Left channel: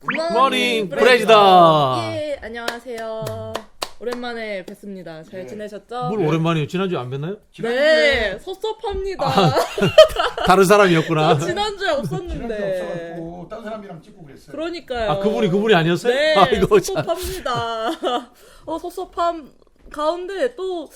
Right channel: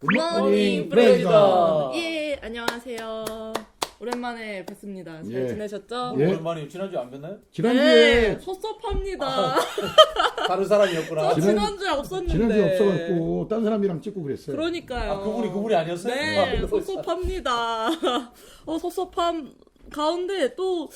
굿모닝 프레지다. 예, 안녕하세요. 오랜만에 뵙습니다. 잘 예. 지내셨죠? 뭘 오랜만이요? 지난주에 안 뵀나요? 네, 섭섭합니다. 다른 사람이었구나. 지난주에 없었는데. 지난주에 없어갖고 딴 사람이랑 찍고 그랬어요. 그러니까요. 아, 그분이 아니었어요? 네, 아이고, 참. 섭섭합니다. 섭섭함 가운데 또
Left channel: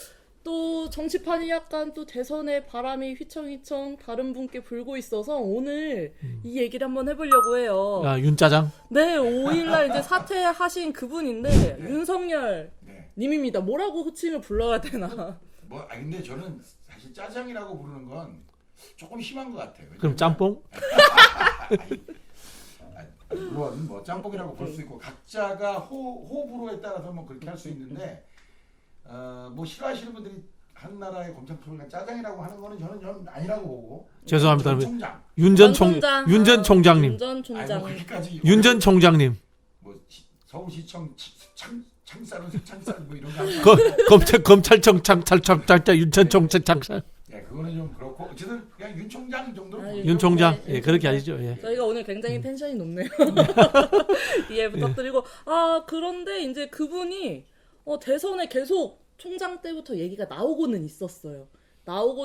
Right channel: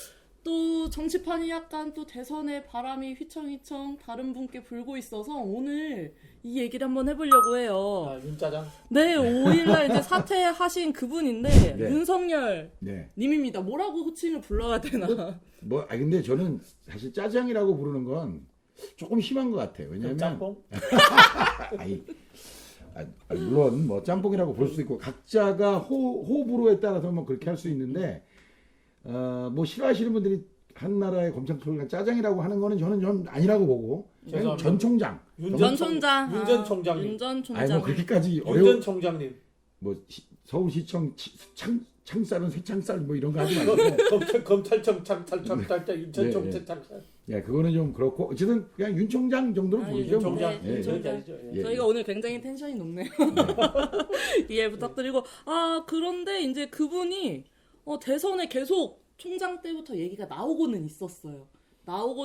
정치판이 약간 또 대선의 바람이 휘청휘청 다른 분께 불고 있어서 오늘 이 얘기를 한번 해보려고 해요. 야, 윤짜장? 네, 5일날 이제 사퇴하신 그분인데 네. 윤석열 네. 님입니다. 뭐라고 호칭을 불러야 되나? 근데 저는 사실 짜장이라고 부르는 건 조금 심한 것 같아요. 그럼 왜냐면 짬뽕? 물론 뭐 짬뽕이라고 볼 수 있고 각자가 호불호에 따라서 뭐 그렇게 할 수 있는데 뭐 싫어하시는 분들이 한 나라의 검찰총장 짜장이라고 하는 거는 저는 좀 아니라고 보고. 죄송합니다. 전 총장. 윤 전 총장님. 윤 전 아니 총장. 뭐 그렇게까지 윤 전 총장님. 뭐 서울시청 창살은 창살 뭐 이런 거 하지 검찰청 창찰 윤 전 총장 창살. 예, 그거는 좀 그렇고 어쨌든 그냥 윤 총장 정도로 부르죠. 윤 총장. 네, 예, 그렇게 하시죠. 예. 저희가 오늘 굉장히 텐션이 높네요. 이해 부탁드리고 그런데 이제 그분이 대선에 계속 총장 때부터 얘기가 나오고는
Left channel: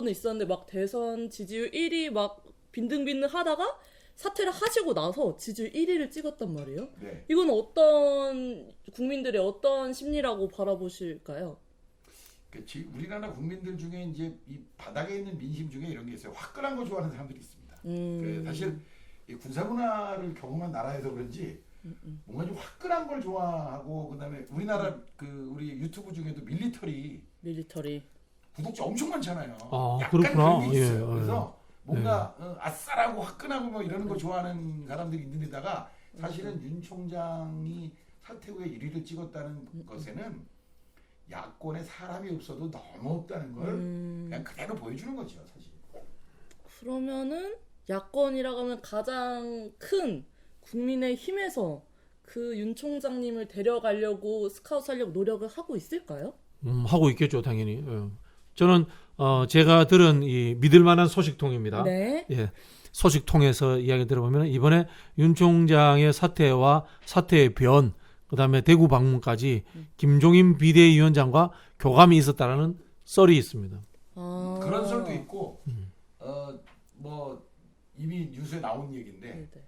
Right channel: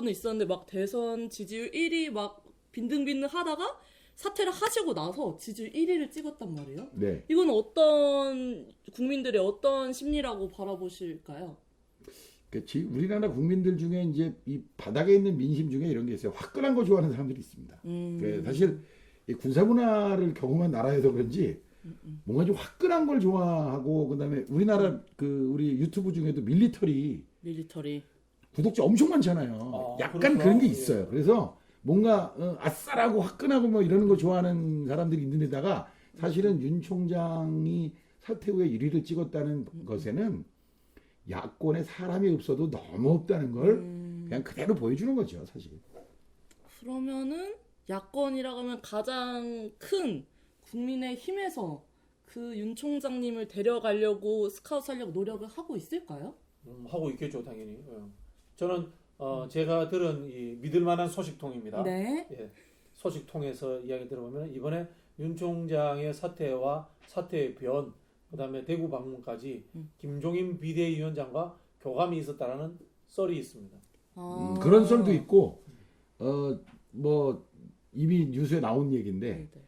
있었는데 막 대선 지지율 1위 막 빈등빈등 하다가 사퇴를 하시고 나서 지지율 1위를 찍었단 말이에요. 네. 이건 어떤 국민들의 어떤 심리라고 바라보실까요? 우리나라 국민들 중에 이제 이 바닥에 있는 민심 중에 이런 게 있어요. 화끈한 거 좋아하는 사람들이 있습니다. 사실 이 군사 문화를 경험한 나라에서 그런지 뭔가 좀 화끈한 걸 좋아하고 그다음에 우리나라 우리 유튜브 중에도 밀리터리 구독자 엄청 많잖아요. 약간 그렇구나. 그런 게 있어요. 예. 그래서 뭔가 아싸라고 화끈하고 뭐 이러는 거 좋아하는 사람들이 있는 데다가 사실은 윤 총장이 사퇴 후에 1위를 찍었다는 것에는 야권에 사람이 없어도 너무 없다는 걸 그냥 그대로 보여주는 거죠, 사실. 그러면은 야권이라고 하면 가장 큰 국민의 힘에서 그 윤 총장님을 데려가려고 스카우트하려고 노력을 하고 있을까요? 하고 있겠죠, 당연히. 예. 저는 제가 들은 이 믿을 만한 소식통입니다. 네. 예. 소식통에서 이야기 들어보면 이번에 윤 총장의 사퇴와 사퇴의 변, 그다음에 대구 방문까지 김종인 비대위원장과 교감이 있었다라는 썰이 있습니다. 그런 썰도 있고 뭐 이미 뉴스에 나온 얘기인데 네.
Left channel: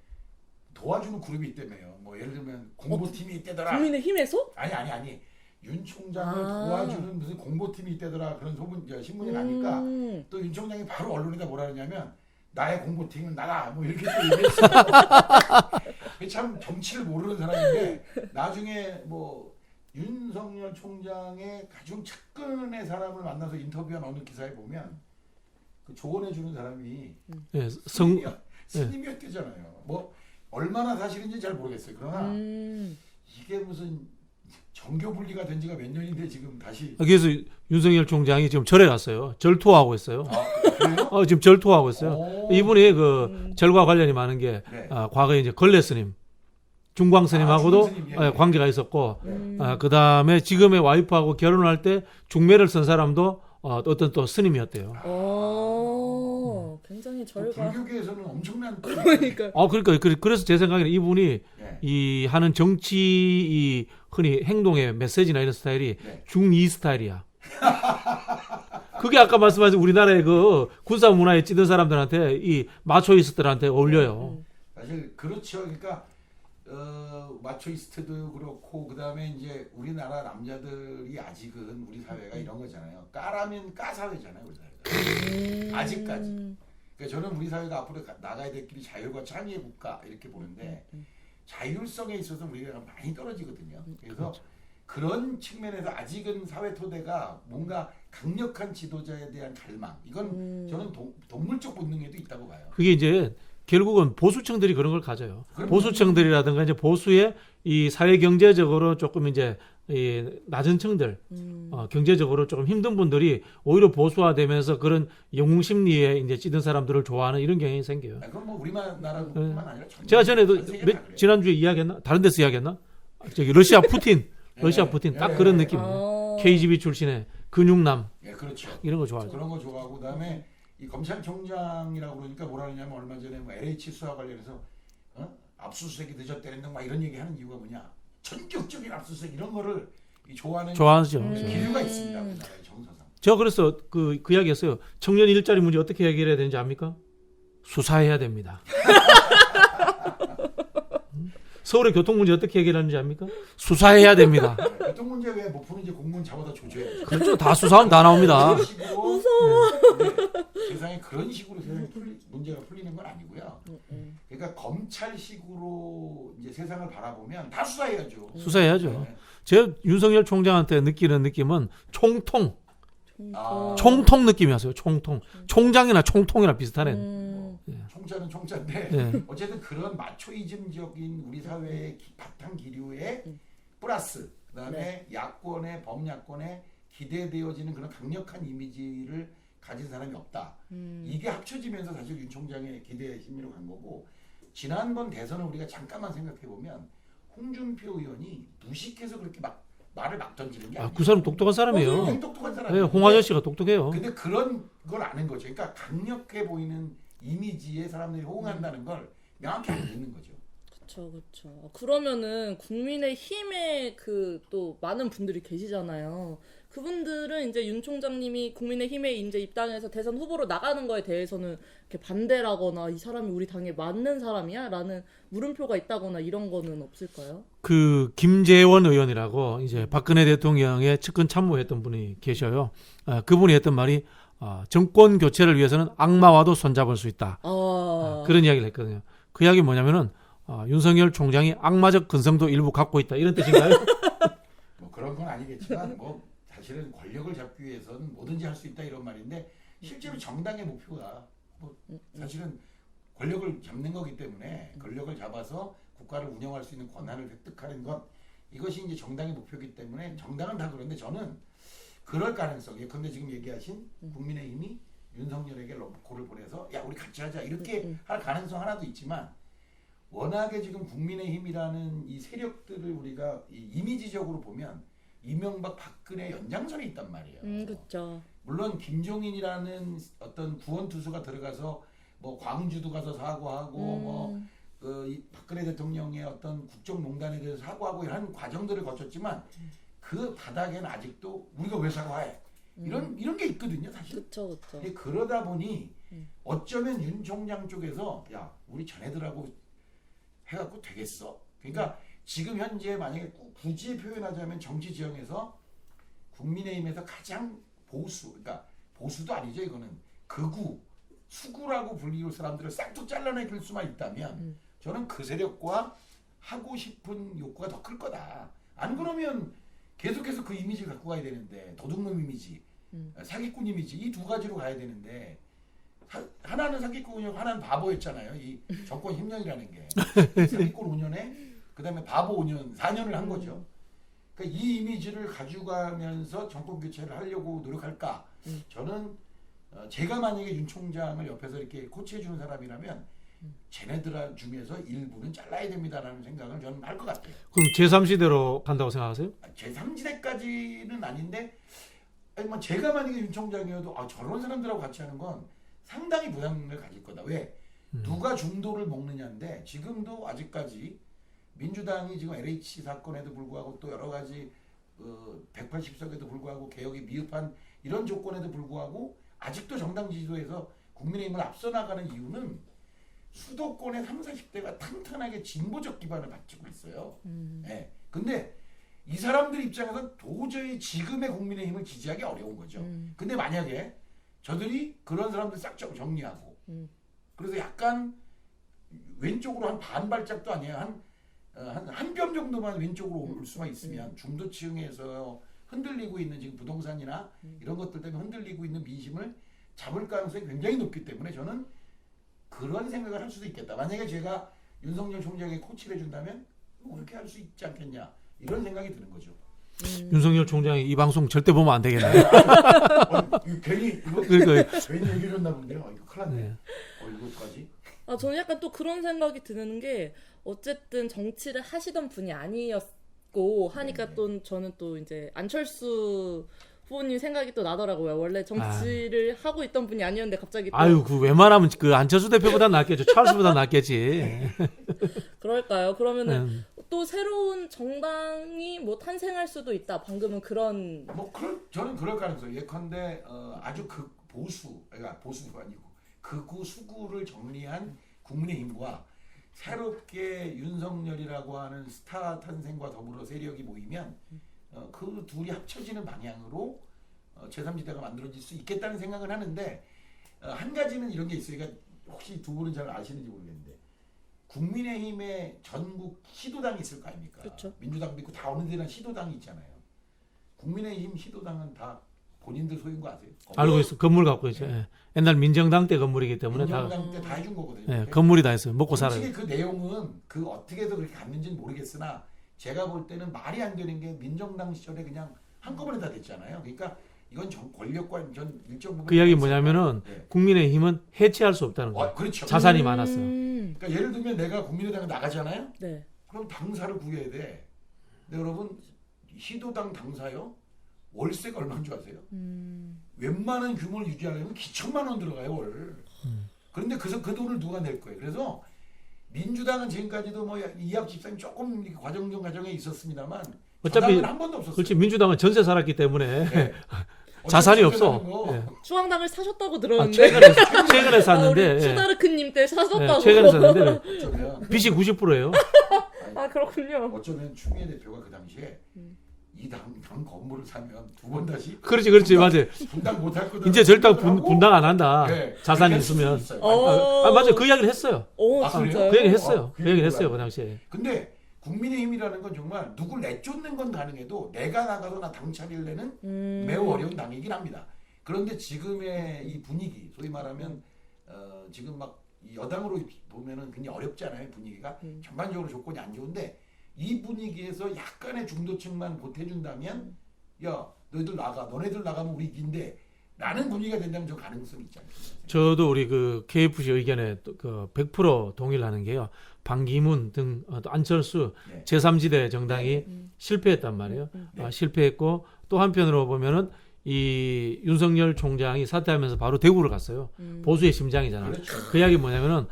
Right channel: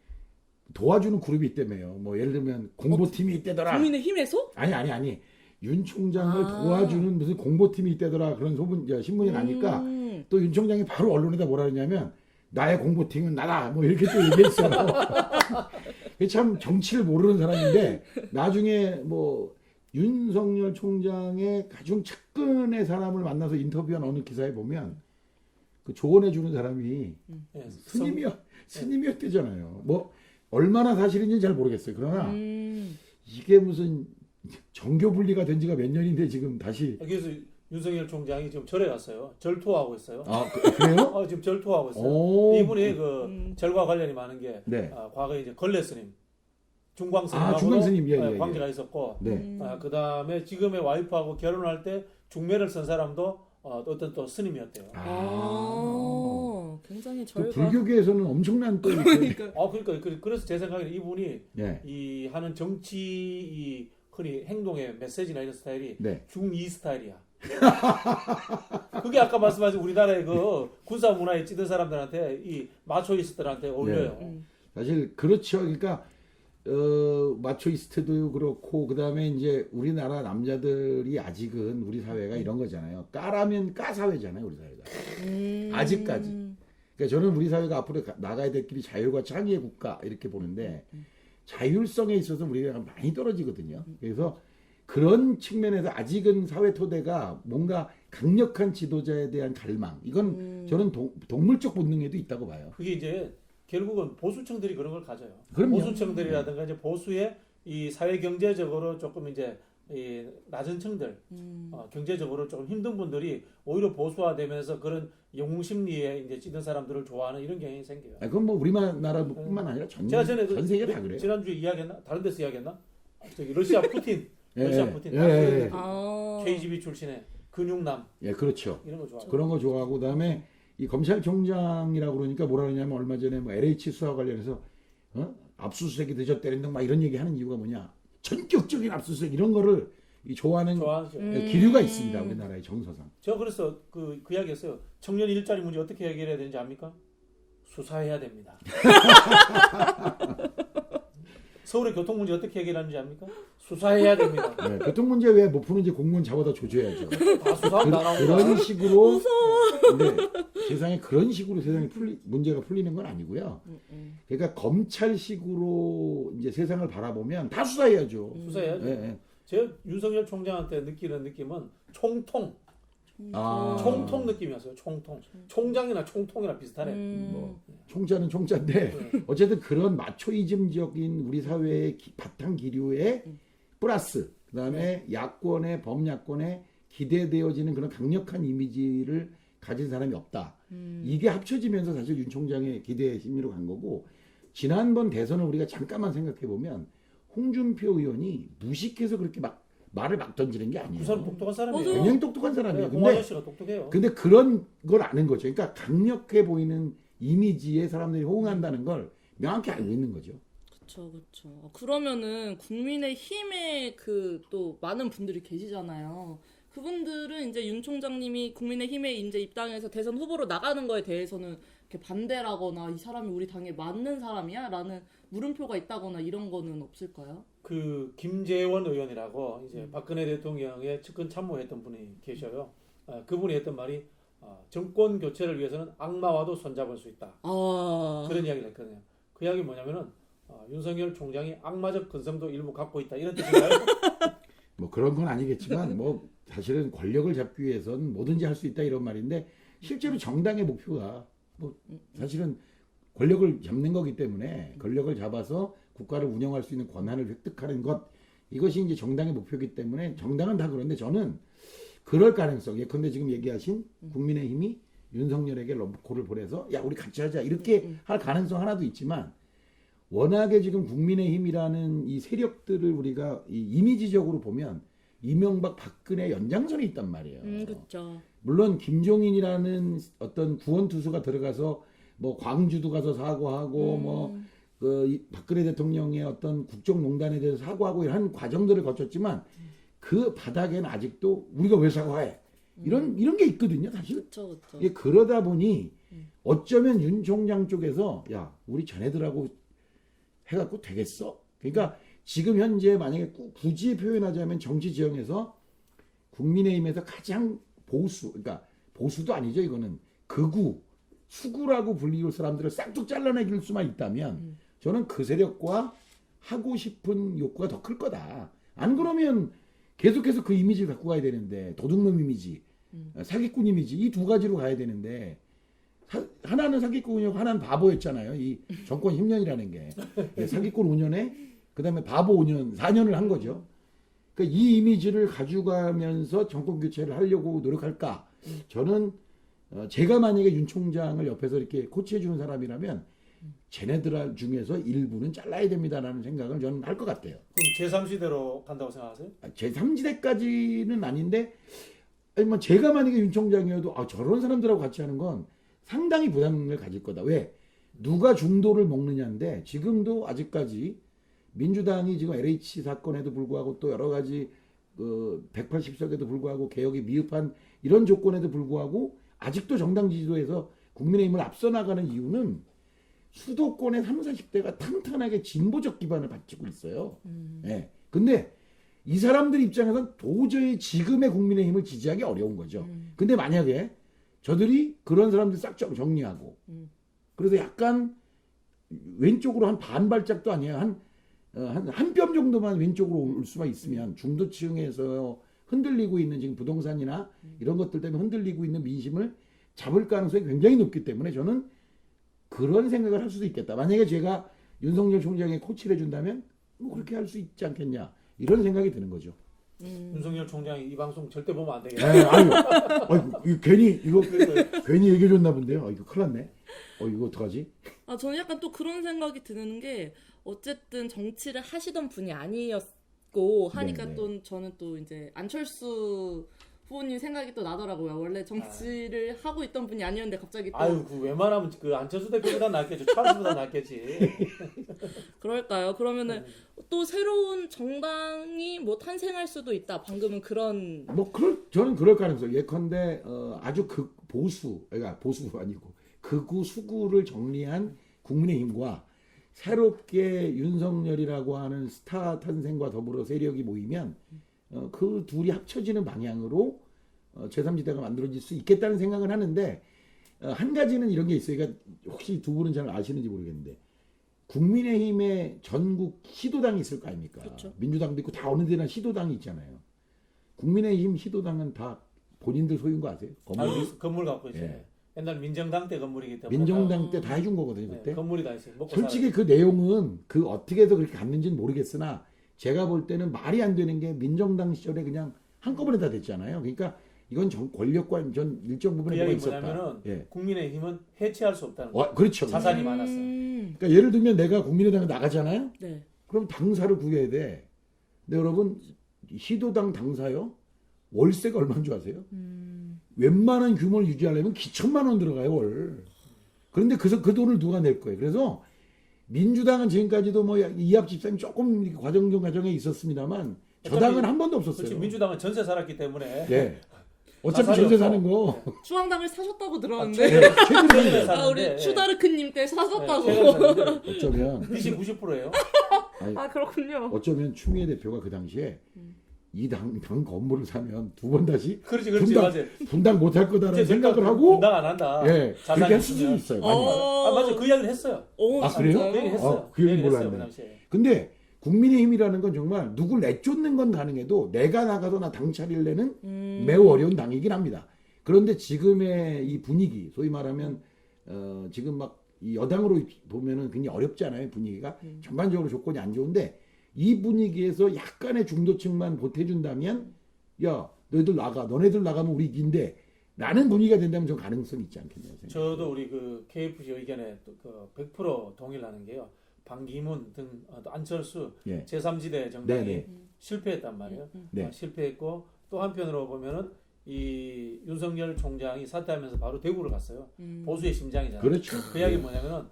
도와주는 그룹이 있다며요. 뭐 예를 들면 공보팀이 있대더라. 국민의 힘에서? 아니. 윤 총장을 도와주는 무슨 공보팀이 있대더라. 그런 신문이 나니까 또 윤 총장이 바로 언론에다 뭐라 그러냐면 나의 공보팀은 나다. 뭐 이렇게 또 얘기했어요. 참 정치를 모르는 사람인데 나중에 뭐 윤석열 총장의 가장 측근의 사람을 만나서 인터뷰한 어느 기사에 보면 그 조언해 주는 사람이 예. 스님이었대잖아요. 뭐 얼마나 사실인지 잘 모르겠어요. 그러나 이게 무슨 정교 분리가 된 지가 몇 년인데 지금 다시. 그래서 윤석열 총장이 지금 절에 갔어요. 절 투어하고 있어요. 그래요? 지금 절 투어하고 있어요. 오. 이분이 그 절과 관련이 많은 게 네. 과거에 이제 걸레 스님, 중광 스님하고도 중광 스님, 예. 관계가 있었고, 네. 그다음에 지금의 와이프하고 결혼할 때 중매를 쓴 사람도 어떤 또 스님이었대요. 굉장히 그 절과 불교계에서는 엄청난 또 그러니까 그래서 제 생각에는 이분이 네. 이 하는 정치 이 흔히 행동의 메시지나 이런 스타일이 네. 중2 스타일이야. 그게 아까 말씀하신 우리나라의 그 군사 문화에 찌든 사람들한테 이 마초이스트들한테 어울려요. 사실 그렇죠. 그러니까 마초이스트도 그렇고 그다음에 이제 우리나라 남자들이 아직은 우리 사회가 이런 거잖아요. 까라면 까 사회잖아요, 우리 사회가. 아직까지. 그러니까 저는 우리 사회가 앞으로 나가야 될 길이 자율과 창의의 국가 이렇게 보는데 자율성에 있어서 우리가 많이 떨어지거든요. 그래서 그런 측면에서 아직은 사회 토대가 뭔가 강력한 지도자에 대한 갈망. 이건 저는 동물적 본능에도 있다고 봐요. 그게 이제 결국은 보수층들이 그런 걸 가져요. 그럼요. 보수층들이라든가 이제 보수의 이 사회 경제적으로 조금 이제 이 낮은 층들, 경제적으로 조금 힘든 분들이 오히려 보수화되면서 그런 영웅 심리에 이제 찌든 사람들을 좋아하는 이런 경향이 생겨요. 그건 뭐 우리나라뿐만 아니라 제가 전에도 전 세계 다 그래요. 지난주에 이야기했나? 다른 데서 이야기했나? 저기 러시아 푸틴, 딱 그런 느낌. KGB 출신의 근육남. 예, 그렇죠. 이런 거 좋아해요. 그런 거 좋아하고 그다음에 이 검찰총장이라고 그러니까 뭐라 그러냐면 얼마 전에 뭐 LH 수사 관련해서 압수수색이 늦었다는 등 막 이런 얘기하는 이유가 뭐냐? 전격적인 압수수색 이런 거를 좋아하는 좋아하죠. 기류가 있습니다. 우리나라의 정서상. 제가 그래서 그 이야기했어요. 청년 일자리 문제 어떻게 해결해야 되는지 압니까? 수사해야 됩니다. 서울의 교통 문제 어떻게 해결하는지 압니까? 수사해야 됩니다. 네, 교통 문제 왜 못 푸는지 공무원 잡아다 조져야죠. 그렇죠. 다 수사하면 다 나옵니다. 그런 식으로 근데 세상에 그런 식으로 세상에 문제가 풀리는 건 아니고요. 그러니까 검찰식으로 이제 세상을 바라보면 다 수사해야죠. 수사해야죠. 네. 제가 윤석열 총장한테 느끼는 느낌은 총통 느낌이었어요. 총통. 총장이나 총통이나 비슷하네. 뭐 총자는 총자인데 네. 어쨌든 그런 마초이즘적인 우리 사회의 바탕 기류에 플러스 그다음에 야권의 범야권에 기대되어지는 그런 강력한 이미지를 가진 사람이 없다. 이게 합쳐지면서 사실 윤 총장의 기대 심리로 간 거고 지난번 대선을 우리가 잠깐만 생각해 보면 홍준표 의원이 무식해서 그렇게 막 말을 막 던지는 게 아니에요. 그 사람 똑똑한 사람이에요. 그냥 똑똑한 사람이에요. 홍 아저씨가 똑똑해요. 근데 그런 걸 아는 거죠. 그러니까 강력해 보이는 이미지에 사람들이 호응한다는 걸 명확히 알고 있는 거죠. 그렇죠. 그러면은 국민의힘에 그 또 많은 분들이 계시잖아요. 그분들은 이제 윤 총장님이 국민의힘에 이제 입당해서 대선 후보로 나가는 거에 대해서는 이렇게 반대라거나 이 사람이 우리 당에 맞는 사람이야라는 물음표가 있다거나 이런 거는 없을까요? 그 김재원 의원이라고 이제 박근혜 대통령의 측근 참모했던 분이 계셔요. 그분이 했던 말이 정권 교체를 위해서는 악마와도 손잡을 수 있다. 그런 이야기를 했거든요. 그 이야기 뭐냐면은 윤석열 총장이 악마적 근성도 일부 갖고 있다 이런 뜻인가요? 뭐 그런 건 아니겠지만 뭐 사실은 권력을 잡기 위해서는 뭐든지 할 수 있다 이런 말인데 실제로 정당의 목표가 뭐 사실은 권력을 잡는 거기 때문에 권력을 잡아서 국가를 운영할 수 있는 권한을 획득하는 것 이것이 이제 정당의 목표이기 때문에 정당은 다 그런데 저는 그럴 가능성 예컨대 지금 얘기하신 국민의힘이 윤석열에게 러브콜을 보내서 야 우리 같이 하자 이렇게 할 가능성 하나도 있지만 워낙에 지금 국민의힘이라는 이 세력들을 우리가 이 이미지적으로 보면 이명박 박근혜 연장선에 있단 말이에요. 그렇죠. 물론 김종인이라는 어떤 구원 투수가 들어가서 뭐 광주도 가서 사과하고 뭐 그 박근혜 대통령의 어떤 국정농단에 대해서 사과하고 이런 과정들을 거쳤지만 그 바닥에는 아직도 우리가 왜 사과해? 이런 게 있거든요, 사실. 그렇죠. 그러다 보니 어쩌면 윤 총장 쪽에서 야 우리 자네들하고 해갖고 되겠어? 그러니까 지금 현재 만약에 굳이 표현하자면 정치 지형에서 국민의힘에서 가장 보수, 그러니까 보수도 아니죠 이거는 극우, 수구라고 불리울 사람들을 싹둑 잘라내길 수만 있다면 저는 그 세력과 하고 싶은 욕구가 더 클 거다. 안 그러면 계속해서 그 이미지를 갖고 가야 되는데 도둑놈 이미지, 사기꾼 이미지 이 두 가지로 가야 되는데 하나는 사기꾼이고 하나는 바보였잖아요. 이 정권 10년이라는 게 사기꾼 5년에 그다음에 바보 5년, 4년을 한 거죠. 그러니까 이 이미지를 가져가면서 정권 교체를 하려고 노력할까? 저는 제가 만약에 윤 총장을 옆에서 이렇게 코치해 주는 사람이라면 쟤네들 중에서 일부는 잘라야 됩니다라는 생각을 저는 할 것 같아요. 그럼 제3시대로 간다고 생각하세요? 제3지대까지는 아닌데 아니 뭐 제가 만약에 윤 총장이어도 저런 사람들하고 같이 하는 건 상당히 부담을 가질 거다. 왜? 누가 중도를 먹느냐인데 지금도 아직까지 민주당이 지금 LH 사건에도 불구하고 또 여러 가지 180석에도 불구하고 개혁이 미흡한 이런 조건에도 불구하고 아직도 정당 지지도에서 국민의힘을 앞서 나가는 이유는 수도권의 30, 40대가 탄탄하게 진보적 기반을 갖추고 있어요. 네. 근데 이 사람들 입장에서는 도저히 지금의 국민의힘을 지지하기 어려운 거죠. 근데 만약에 저들이 그런 사람들 싹 정리하고 그래서 약간 왼쪽으로 한 반발짝도 아니에요. 한 뼘 정도만 왼쪽으로 올 수만 있으면 중도층에서 흔들리고 있는 지금 부동산이나 이런 것들 때문에 흔들리고 있는 민심을 잡을 가능성이 굉장히 높기 때문에 저는 그런 생각을 할 수도 있겠다. 만약에 제가 윤석열 총장에 코치를 해준다면 뭐 그렇게 할 수 있지 않겠냐 이런 생각이 드는 거죠. 윤석열 총장이 이 방송 절대 보면 안 되겠네. 괜히 얘기해줬나 본데요. 이거 큰일 났네. 이거 어떡하지? 저는 약간 또 그런 생각이 드는 게 어쨌든 정치를 하시던 분이 아니었고 하니까 네네. 또 저는 또 이제 안철수 후보님 생각이 또 나더라고요. 원래 정치를 하고 있던 분이 아니었는데 갑자기 또 그 웬만하면 그 안철수 대표보다 낫겠죠. 찰스보다 낫겠지. 그럴까요? 그러면은 또 새로운 정당이 뭐 탄생할 수도 있다. 방금은 그런 저는 그럴 가능성. 예컨대 아주 그러니까 보수가 아니고 극우 수구를 정리한 국민의힘과 새롭게 윤석열이라고 하는 스타 탄생과 더불어 세력이 모이면 그 둘이 합쳐지는 방향으로 제3지대가 만들어질 수 있겠다는 생각은 하는데 한 가지는 이런 게 있어요. 그러니까 혹시 두 분은 잘 아시는지 모르겠는데 국민의힘의 전국 시도당이 있을 거 아닙니까? 그쵸. 민주당도 있고 다 어느 데나 시도당이 있잖아요. 국민의힘 시도당은 다 본인들 소유인 거 아세요? 알고 있어. 건물 갖고 있죠. 예. 예. 옛날 민정당 때 건물이기 때문에 민정당 때 다 해준 거거든요. 다, 예, 그때. 건물이 다 했어요. 먹고 솔직히 살아요. 그 내용은 그 어떻게 해서 그렇게 갔는지는 모르겠으나 제가 볼 때는 말이 안 되는 게 민정당 시절에 그냥 한꺼번에 다 됐잖아요. 그러니까 이건 권력과 전 일정 부분 그 이야기 뭐냐면은 예. 국민의힘은 해체할 수 없다는 거예요. 그렇죠. 자산이 많았어. 그러니까 예를 들면 내가 국민의당에 나가잖아요. 네. 그럼 당사를 구해야 돼. 근데 여러분 시도당 당사요? 월세가 얼마인 줄 아세요? 웬만한 규모를 유지하려면 기천만 원 들어가요 월. 그런데 그 돈을 누가 낼 거예요? 그래서 민주당은 지금까지도 뭐 이합 집산이 조금 이렇게 과정에 있었습니다만 저당은 한 번도 없었어요. 그렇지. 민주당은 전세 살았기 때문에 네. 자산이 어차피 없어. 사는 거. 예. 중앙당을 사셨다고 아, 들었는데. 최근에 아, 샀는데 우리 추다르크님 때 사셨다고. 최근에 샀는데 어쩌면 빚이 90%예요. 아 그렇군요. 어쩌면 추미애 대표가 그 당시에 이 당 건물을 사면 두 번 다시 그렇지 분당- 맞아요. 분당 못할 거다. 이제 절대 분당 안 한다. 네, 자산이 그렇게 할 수도 있으면. 있어요. 맞아요. 그 이야기를 했어요. 오, 아, 그래요? 진짜요? 그 얘기 했어요. 그 그 얘기 얘기 했어요. 몰라요. 그 당시에. 근데 국민의힘이라는 건 정말 누굴 내쫓는 건 가능해도 내가 나가도 나 당 차리려는 매우 어려운 당이긴 합니다. 그런데 지금의 이 분위기, 소위 말하면 지금 막 이 여당으로 보면은 굉장히 어렵잖아요. 분위기가 전반적으로 조건이 안 좋은데 이 분위기에서 약간의 중도층만 보태준다면 야 너희들 나가, 너네들 나가면 우리 이긴데 라는 분위기가 된다면 좀 가능성이 있지 않겠나요? 저도 우리 그 KFC 의견에 그 100% 동의를 하는 게요. 반기문 등 또 안철수 예. 제3지대 정당이 네. 실패했단 말이에요. 네. 실패했고 또 한편으로 보면은 이 윤석열 총장이 사퇴하면서 바로 대구를 갔어요. 보수의 심장이잖아요. 그렇죠. 그 이야기 뭐냐면은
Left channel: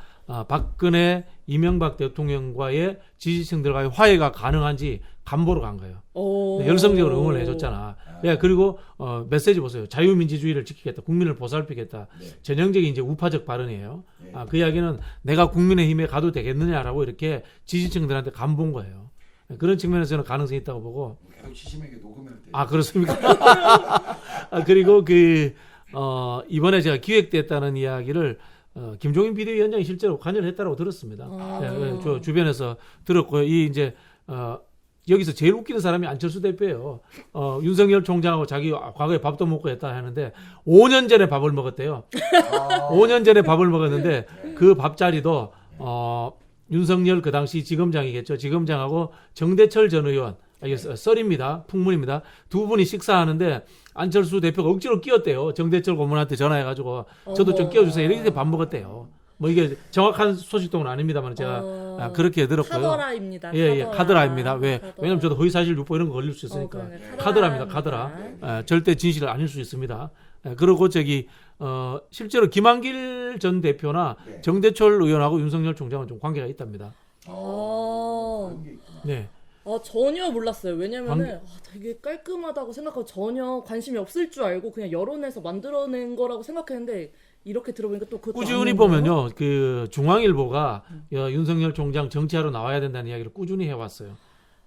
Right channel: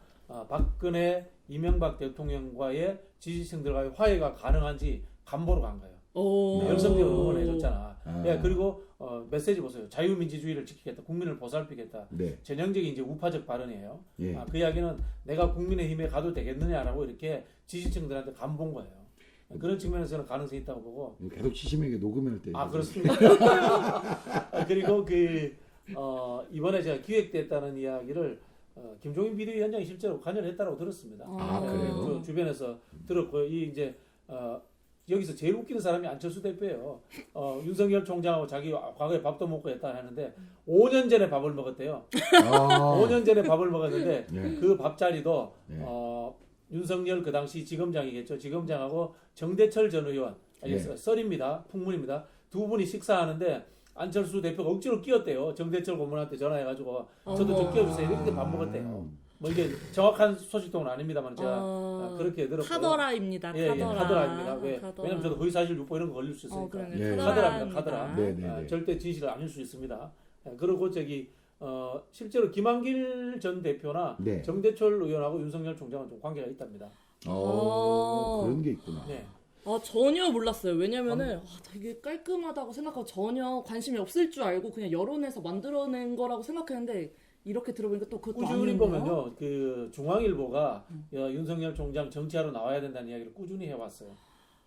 박근혜 이명박 대통령과의 지지층들과의 화해가 가능한지 간보러 간 거예요. 오. 열성적으로 응원을 해줬잖아. 아. 예, 그리고 메시지 보세요. 자유민주주의를 지키겠다. 국민을 보살피겠다. 네. 전형적인 이제 우파적 발언이에요. 예. 그 이야기는 내가 국민의힘에 가도 되겠느냐라고 이렇게 지지층들한테 간본 거예요. 그런 측면에서는 가능성이 있다고 보고. 계속 치심에게 녹음할 때. 그렇습니까? 그리고 이번에 제가 기획됐다는 이야기를 김종인 비대위원장이 실제로 관여를 했다고 들었습니다. 아. 저 주변에서 들었고요. 이제 여기서 제일 웃기는 사람이 안철수 대표예요. 윤석열 총장하고 자기 과거에 밥도 먹고 했다 하는데 5년 전에 밥을 먹었대요. 5년 전에 밥을 먹었는데 네. 그 밥자리도 네. 윤석열 그 당시 지검장이겠죠. 지검장하고 정대철 전 의원, 이게 네. 썰입니다. 풍문입니다. 두 분이 식사하는데 안철수 대표가 억지로 끼웠대요. 정대철 고문한테 전화해가지고 저도 좀 어머. 끼워주세요. 이렇게 밥 먹었대요. 뭐 이게 정확한 소식통은 아닙니다만 제가 그렇게 들었고요. 카더라입니다. 예, 카드라입니다. 왜냐면 저도 허위사실 유포 이런 거 걸릴 수 있으니까. 예. 카드라입니다. 카드라. 네, 네. 절대 진실은 아닐 수 있습니다. 그리고 실제로 김한길 전 대표나 네. 정대철 의원하고 윤석열 총장은 좀 관계가 있답니다. 그런 게 있구나. 네. 전혀 몰랐어요. 왜냐면은 되게 깔끔하다고 생각하고 전혀 관심이 없을 줄 알고 그냥 여론에서 만들어낸 거라고 생각했는데 이렇게 들어보니까 또 그것도 꾸준히 아니네요. 보면요, 그 중앙일보가 윤석열 총장 정치하러 나와야 된다는 이야기를 꾸준히 해왔어요.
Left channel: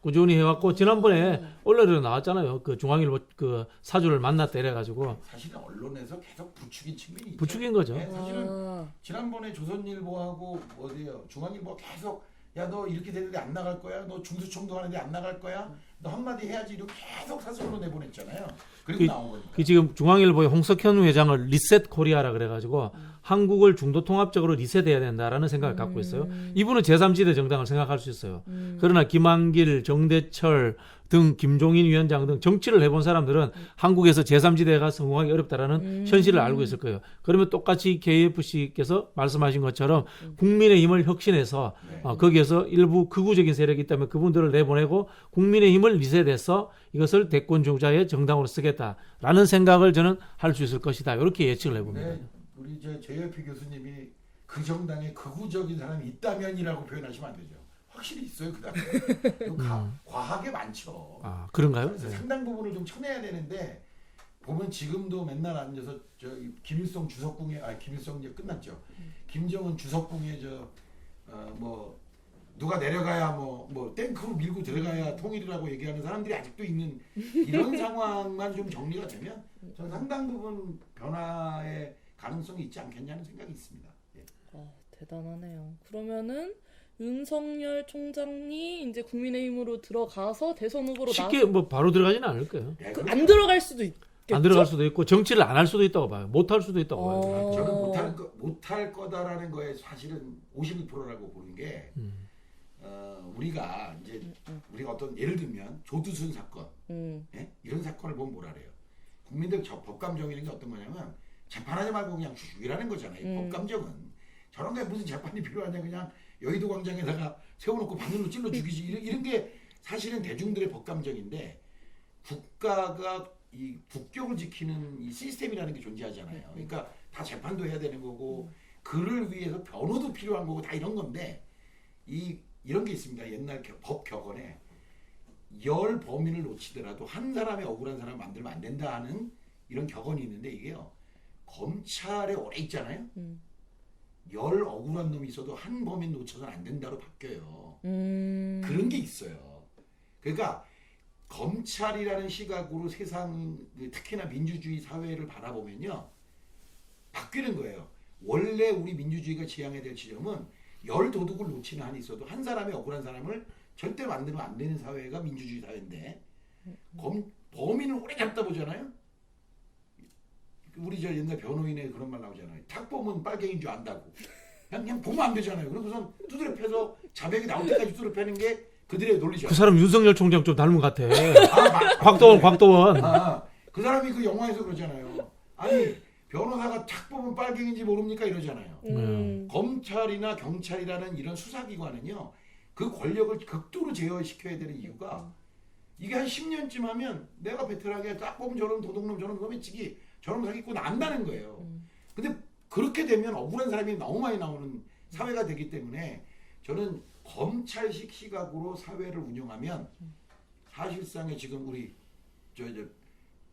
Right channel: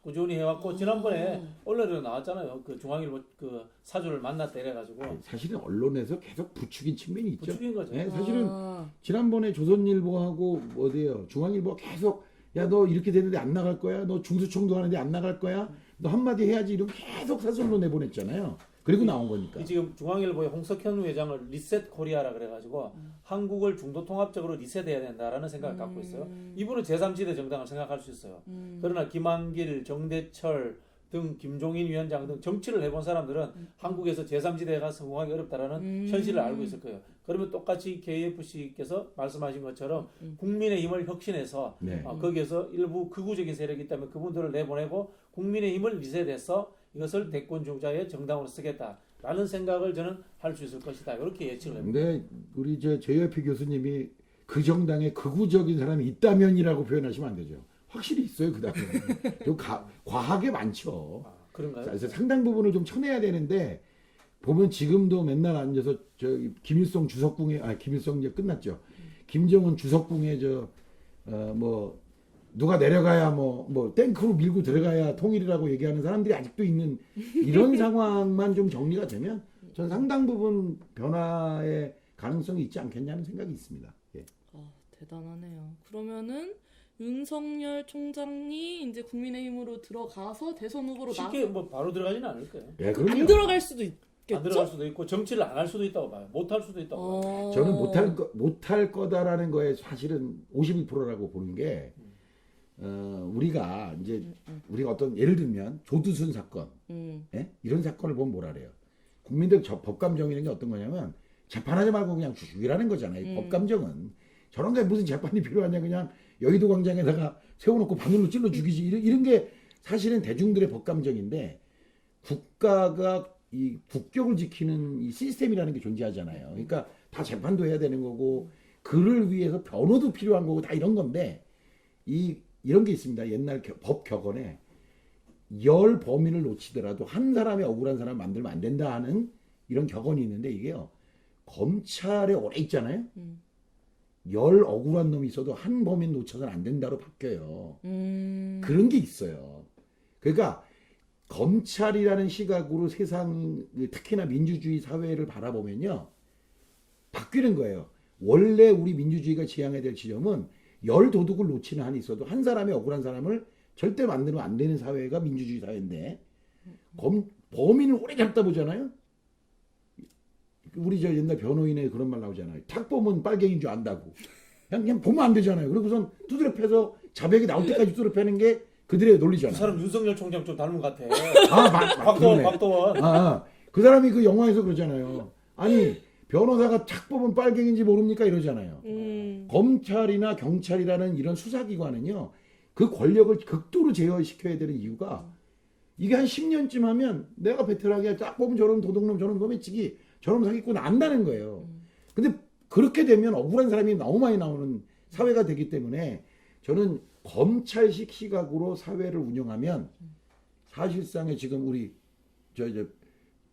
꾸준히 해왔고 지난번에 언론에도 나왔잖아요. 그 중앙일보 그 사주를 만났다 이래가지고 사실은 언론에서 계속 부추긴 측면이 있죠. 부추긴 거죠. 네, 사실은 지난번에 조선일보하고 어디예요? 중앙일보 계속 야 너 이렇게 되는데 안 나갈 거야? 너 중수청도 하는데 안 나갈 거야? 너 한마디 해야지 이렇게 계속 사설로 내보냈잖아요. 그리고 나온 거니까. 그 지금 중앙일보의 홍석현 회장을 리셋 코리아라 그래가지고 한국을 중도 통합적으로 리셋해야 된다라는 생각을 갖고 있어요. 이분은 제3지대 정당을 생각할 수 있어요. 그러나 김한길, 정대철 등 김종인 위원장 등 정치를 해본 사람들은 한국에서 제3지대가 성공하기 어렵다라는 현실을 알고 있을 거예요. 그러면 똑같이 KFC께서 말씀하신 것처럼 국민의힘을 혁신해서 네. 거기에서 일부 극우적인 세력이 있다면 그분들을 내보내고 국민의힘을 리셋해서 이것을 대권 주자의 정당으로 쓰겠다라는 생각을 저는 할 수 있을 것이다. 이렇게 예측을 해봅니다. 근데 우리 JYP 교수님이 그 정당에 극우적인 사람이 있다면이라고 표현하시면 안 되죠. 확실히 있어요. 그다음에 과하게 많죠. 아, 그런가요? 그래서 상당 부분을 좀 쳐내야 되는데 보면 지금도 맨날 앉아서 저기 김일성 주석궁에 김일성 이제 끝났죠. 김정은 주석궁에 뭐 누가 내려가야 뭐 탱크로 밀고 들어가야 통일이라고 얘기하는 사람들이 아직도 있는 이런 상황만 좀 정리가 되면 저는 상당 부분 변화의 가능성이 있지 않겠냐는 생각이 있습니다. 예. 대단하네요. 그러면은 윤석열 총장이 이제 국민의힘으로 들어가서 대선 후보로 쉽게 뭐 바로 들어가지는 않을 거예요. 예, 안 들어갈 수도 있겠죠? 안 들어갈 수도 있고 정치를 안 할 수도 있다고 봐요. 못 할 수도 있다고 봐요. 저는 못할 거다라는 거에 사실은 52%라고 보는 게 우리가 이제 우리가 어떤 예를 들면 조두순 사건 예? 이런 사건을 보면 뭐라 그래요. 국민들 법감 정의라는 게 어떤 거냐면 재판하지 말고 그냥 죽이라는 거잖아요. 법감정은 저런 게 무슨 재판이 필요하냐 그냥 여의도 광장에다가 세워놓고 바늘로 찔러 죽이지 이런 게 사실은 대중들의 법감정인데 국가가 이 국격을 지키는 이 시스템이라는 게 존재하잖아요. 그러니까 다 재판도 해야 되는 거고 그를 위해서 변호도 필요한 거고 다 이런 건데 이런 게 있습니다. 옛날 법 격언에 10 범인을 놓치더라도 한 사람의 억울한 사람 만들면 안 된다 하는 이런 격언이 있는데 이게요. 검찰에 오래 있잖아요. 10 억울한 놈이 있어도 한 범인 놓쳐서는 안 된다로 바뀌어요. 그런 게 있어요. 그러니까 검찰이라는 시각으로 세상 특히나 민주주의 사회를 바라보면요. 바뀌는 거예요. 원래 우리 민주주의가 지향해야 될 지점은 10 도둑을 놓치는 한이 있어도 한 사람의 억울한 사람을 절대 만들면 안 되는 사회가 민주주의 사회인데 범인을 오래 잡다 보잖아요. 우리 저 옛날 변호인의 그런 말 나오잖아요. 탁 보면 빨갱이인 줄 안다고. 그냥 보면 안 되잖아요. 그리고선 두드려 패서 자백이 나올 때까지 두드려 패는 게 그들의 논리죠. 그 사람 윤석열 총장 좀 닮은 것 같아. 곽도원. 곽도원. 그 사람이 그 영화에서 그러잖아요. 아니 변호사가 탁 보면 빨갱인지 모릅니까 이러잖아요. 검찰이나 경찰이라는 이런 수사기관은요. 그 권력을 극도로 제어시켜야 되는 이유가 이게 한 10년쯤 하면 내가 베테랑에 딱 보면 저런 도둑놈 저런 놈의치기 저런 사기꾼 안다는 거예요. 근데 그렇게 되면 억울한 사람이 너무 많이 나오는 사회가 되기 때문에 저는 검찰식 시각으로 사회를 운영하면 사실상의 지금 우리 저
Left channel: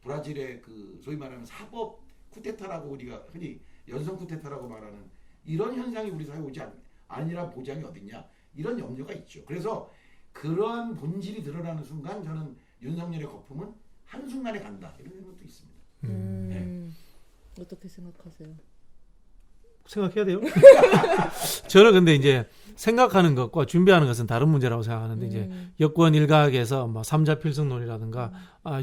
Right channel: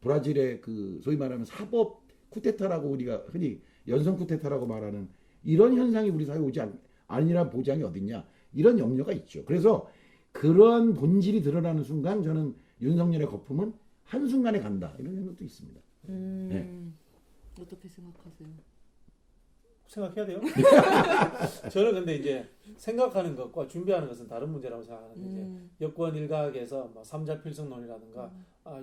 브라질의 그 소위 말하는 사법 쿠데타라고 우리가 흔히 연성 쿠데타라고 말하는 이런 현상이 우리 사회에 오지 아니라 보장이 어딨냐 이런 염려가 있죠. 그래서 그런 본질이 드러나는 순간 저는 윤석열의 거품은 한순간에 간다 이런 생각도 있습니다. 네. 어떻게 생각하세요? 생각해야 돼요. 저는 근데 이제 생각하는 것과 준비하는 것은 다른 문제라고 생각하는데 이제 여권 일각에서 뭐 삼자 필승론이라든가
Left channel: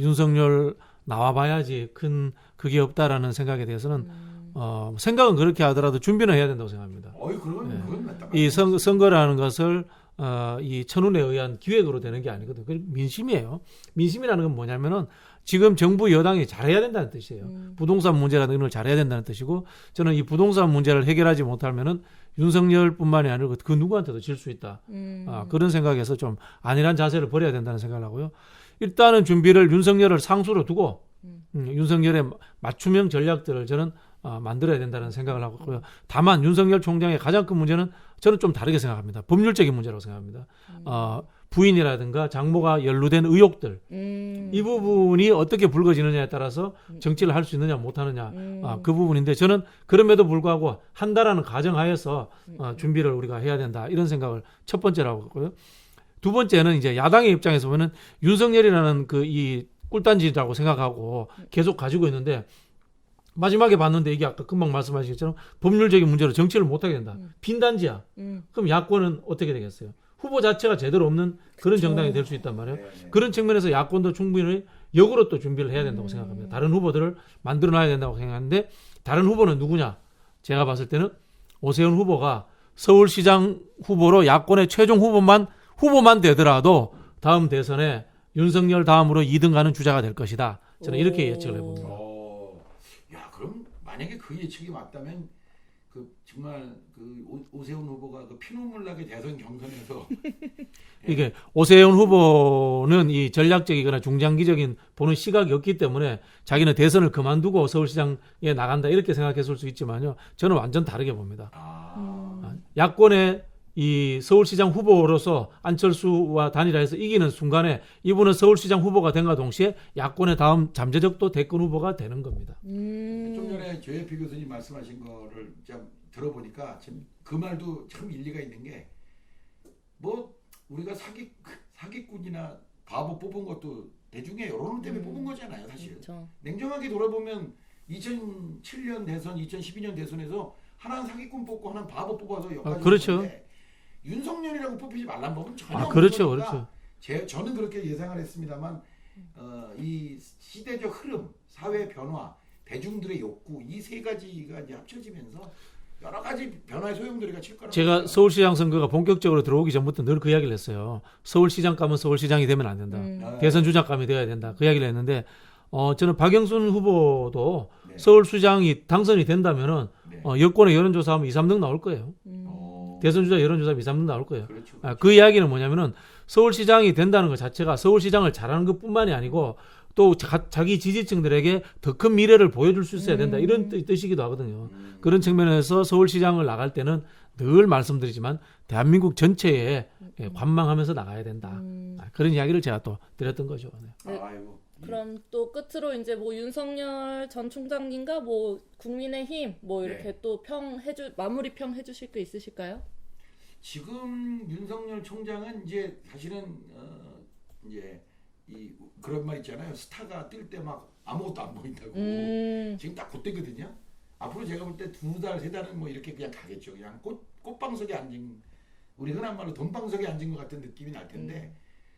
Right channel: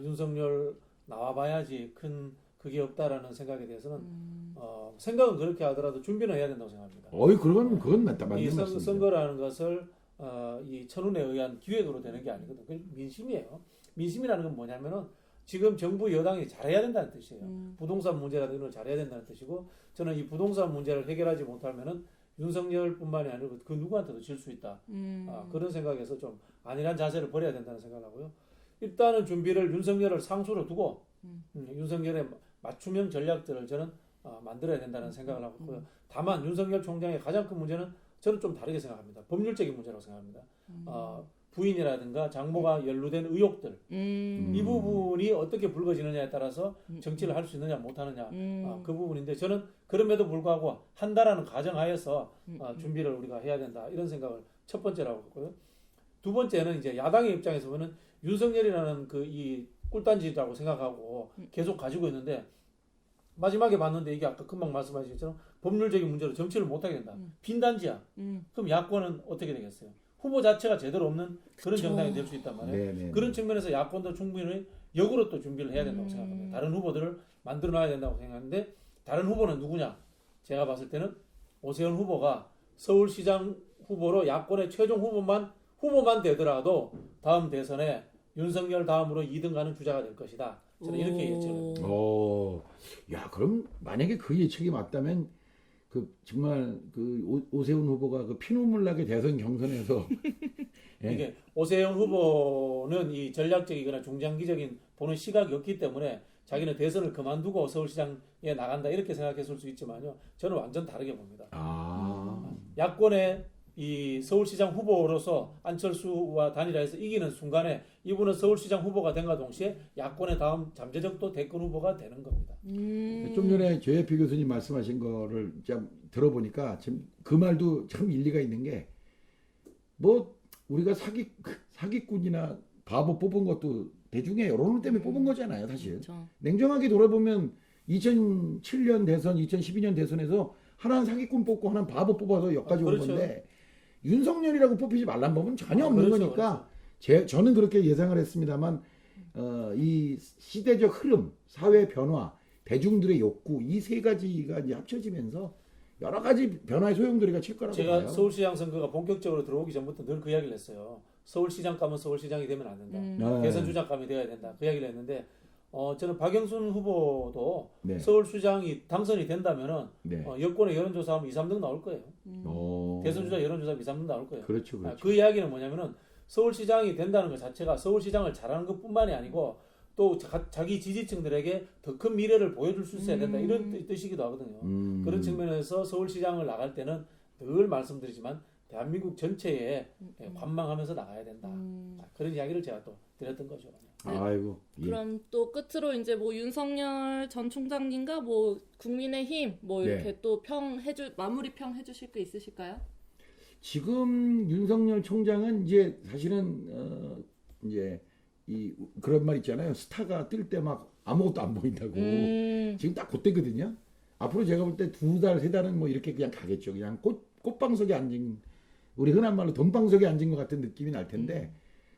윤석열 나와봐야지 큰 그게 없다라는 생각에 대해서는 생각은 그렇게 하더라도 준비는 해야 된다고 생각합니다. 그건 맞다. 이 선거라는 것을 이 천운에 의한 기획으로 되는 게 아니거든요. 그 민심이에요. 민심이라는 건 뭐냐면은 지금 정부 여당이 잘해야 된다는 뜻이에요. 부동산 문제라는 걸 잘해야 된다는 뜻이고 저는 이 부동산 문제를 해결하지 못하면은 윤석열뿐만이 아니고 그 누구한테도 질 수 있다. 그런 생각에서 좀 안일한 자세를 버려야 된다는 생각을 하고요. 일단은 준비를 윤석열을 상수로 두고 윤석열의 맞춤형 전략들을 저는 만들어야 된다는 생각을 하고 있고요. 다만 윤석열 총장의 가장 큰 문제는 저는 좀 다르게 생각합니다. 법률적인 문제라고 생각합니다. 부인이라든가 장모가 연루된 의혹들 이 부분이 어떻게 불거지느냐에 따라서 정치를 할 수 있느냐 못하느냐 그 부분인데 저는 그럼에도 불구하고 한다라는 가정하에서 준비를 우리가 해야 된다 이런 생각을 첫 번째로 하고 있고요. 두 번째는 이제 야당의 입장에서 보면 윤석열이라는 그 이 꿀단지라고 생각하고 계속 가지고 있는데 마지막에 봤는데 이게 아까 금방 말씀하신 것처럼 법률적인 문제로 정치를 못하게 된다. 빈단지야. 그럼 야권은 어떻게 되겠어요? 후보 자체가 제대로 없는 그런 정당이 될 수 있단 말이에요. 네. 그런 측면에서 야권도 충분히 역으로 또 준비를 해야 된다고 생각합니다. 다른 후보들을 만들어놔야 된다고 생각하는데 다른 후보는 누구냐? 제가 봤을 때는 오세훈 후보가 서울시장 후보로 야권의 최종 후보만 되더라도 다음 대선에 윤석열 다음으로 2등 가는 주자가 될 것이다. 저는 이렇게 예측을 해봅니다. 야, 그럼 만약에 그 예측이 맞다면 그 정말 그 오세훈 후보가 그 피눈물 나게 대선 경선에서 이게 오세훈 후보는 이 전략적이거나 중장기적인 보는 시각이 없기 때문에 자기는 대선을 그만두고 서울시장에 나간다 이렇게 생각했을 수 있지만요. 저는 완전 다르게 봅니다. 야권의 이 서울시장 후보로서 안철수와 단일화해서 이기는 순간에 이분은 서울시장 후보가 된과 동시에 야권의 다음 잠재적도 대권 후보가 되는 겁니다. 좀 전에 조혜피 교수님 말씀하신 거를 좀 들어보니까 지금 그 말도 참 일리가 있는 게 뭐 우리가 사기꾼이나 바보 뽑은 것도 대중의 여론 때문에 뽑은 거잖아요, 사실. 그렇죠. 냉정하게 돌아보면 2007년 대선, 2012년 대선에서 하나는 사기꾼 뽑고 하나는 바보 뽑아서 여기까지 온 그렇죠. 건데 윤석열이라고 뽑히지 말란 법은 전혀 없는 그렇죠, 거니까 저는 그렇게 예상을 했습니다만 이 시대적 흐름, 사회 변화, 대중들의 욕구 이 세 가지가 이제 합쳐지면서 여러 가지 변화의 소용돌이가 칠 거라고 제가 봐요. 서울시장 선거가 본격적으로 들어오기 전부터 늘 그 이야기를 했어요. 서울시장 가면 서울시장이 되면 안 된다. 네. 대선 주자감이 되어야 된다. 그 이야기를 했는데 저는 박영순 후보도 네. 서울시장이 당선이 된다면은 네. 여권의 여론조사하면 2, 3등 나올 거예요. 어, 대선 주자 여론조사하면 2, 3등 나올 거예요. 그렇죠, 그렇죠. 그 이야기는 뭐냐면은 서울시장이 된다는 것 자체가 서울시장을 잘하는 것뿐만이 아니고 또 자기 지지층들에게 더 큰 미래를 보여줄 수 있어야 된다. 이런 뜻이기도 하거든요. 그런 측면에서 서울시장을 나갈 때는 늘 말씀드리지만 대한민국 전체에 관망하면서 나가야 된다. 그런 이야기를 제가 또 드렸던 거죠. 네. 아이고. 예. 그럼 또 끝으로 이제 뭐 윤석열 전 총장님과 뭐 국민의힘 뭐 네. 이렇게 또 마무리 평 해주실 거 있으실까요? 지금 윤석열 총장은 이제 사실은 이제 그런 말 있잖아요. 스타가 뜰 때 막 아무것도 안 보인다고. 지금 딱 그때거든요. 앞으로 제가 볼 때 2달, 3달은 뭐 이렇게 그냥 가겠죠. 그냥 꽃방석에 앉은 우리 흔한 말로 돈방석에 앉은 것 같은 느낌이 날 텐데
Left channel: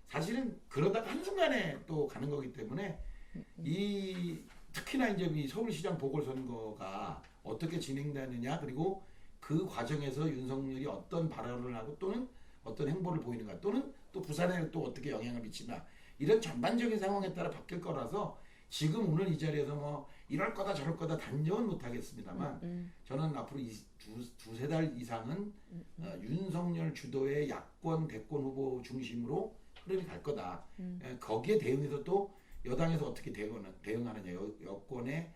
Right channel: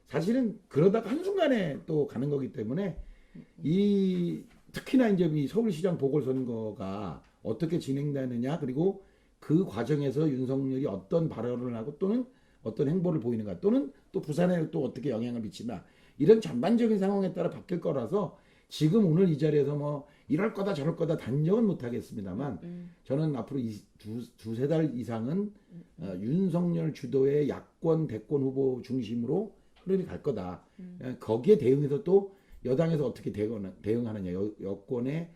사실은 그러다가 한순간에 또 가는 거기 때문에 특히나 이제 이 서울시장 보궐선거가 어떻게 진행되느냐 그리고 그 과정에서 윤석열이 어떤 발언을 하고 또는 어떤 행보를 보이는가 또는 또 부산에 또 어떻게 영향을 미치나 이런 전반적인 상황에 따라 바뀔 거라서 지금 오늘 이 자리에서 뭐 이럴 거다 저럴 거다 단정은 못 하겠습니다만 저는 앞으로 두세 달 이상은 윤석열 주도의 야권 대권 후보 중심으로 흐름이 갈 거다. 거기에 대응해서 또 여당에서 어떻게 대응하느냐 여권의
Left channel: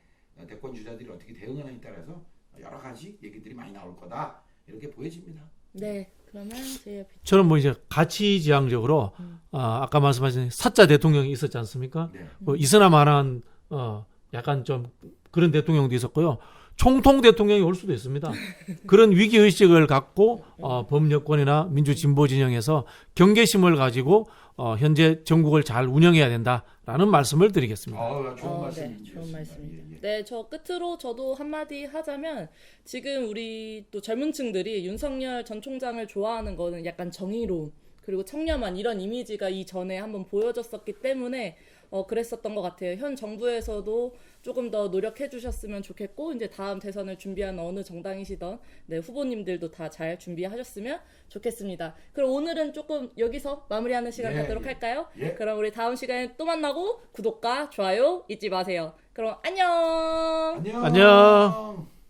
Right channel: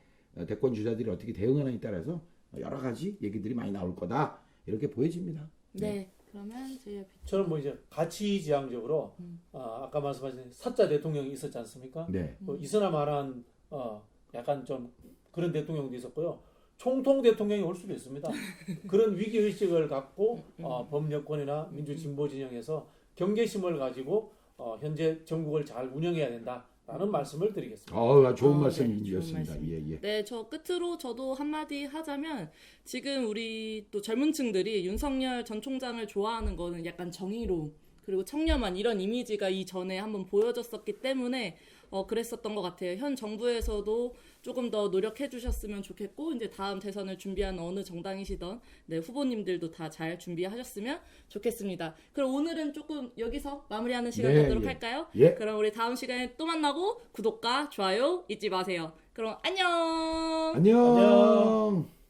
대권 주자들이 어떻게 대응하느냐에 따라서 여러 가지 얘기들이 많이 나올 거다. 이렇게 보여집니다. 네. 그러면 저는 뭐 이제 가치지향적으로 아까 말씀하신 사자 대통령이 있었지 않습니까? 네. 이슬람만한 약간 좀 그런 대통령도 있었고요. 총통 대통령이 올 수도 있습니다. 그런 위기 의식을 갖고 범여권이나 민주 진보 진영에서 경계심을 가지고 현재 전국을 잘 운영해야 된다라는 말씀을 드리겠습니다. 좋은 네, 말씀이었습니다. 좋은 말씀. 예. 네, 저 끝으로 저도 한마디 하자면 지금 우리 또 젊은 층들이 윤석열 전 총장을 좋아하는 거는 약간 정의로움 그리고 청렴한 이런 이미지가 이전에 한번 보여졌었기 때문에 그랬었던 것 같아요. 현 정부에서도 조금 더 노력해 주셨으면 좋겠고 이제 다음 대선을 준비하는 어느 정당이시던 후보님들도 다 잘 준비하셨으면 좋겠습니다. 그럼 오늘은 조금 여기서 마무리하는 시간 갖도록 할까요? 예. 그럼 우리 다음 시간에 또 만나고 구독과 좋아요 잊지 마세요. 그럼 안녕. 안녕. 안녕.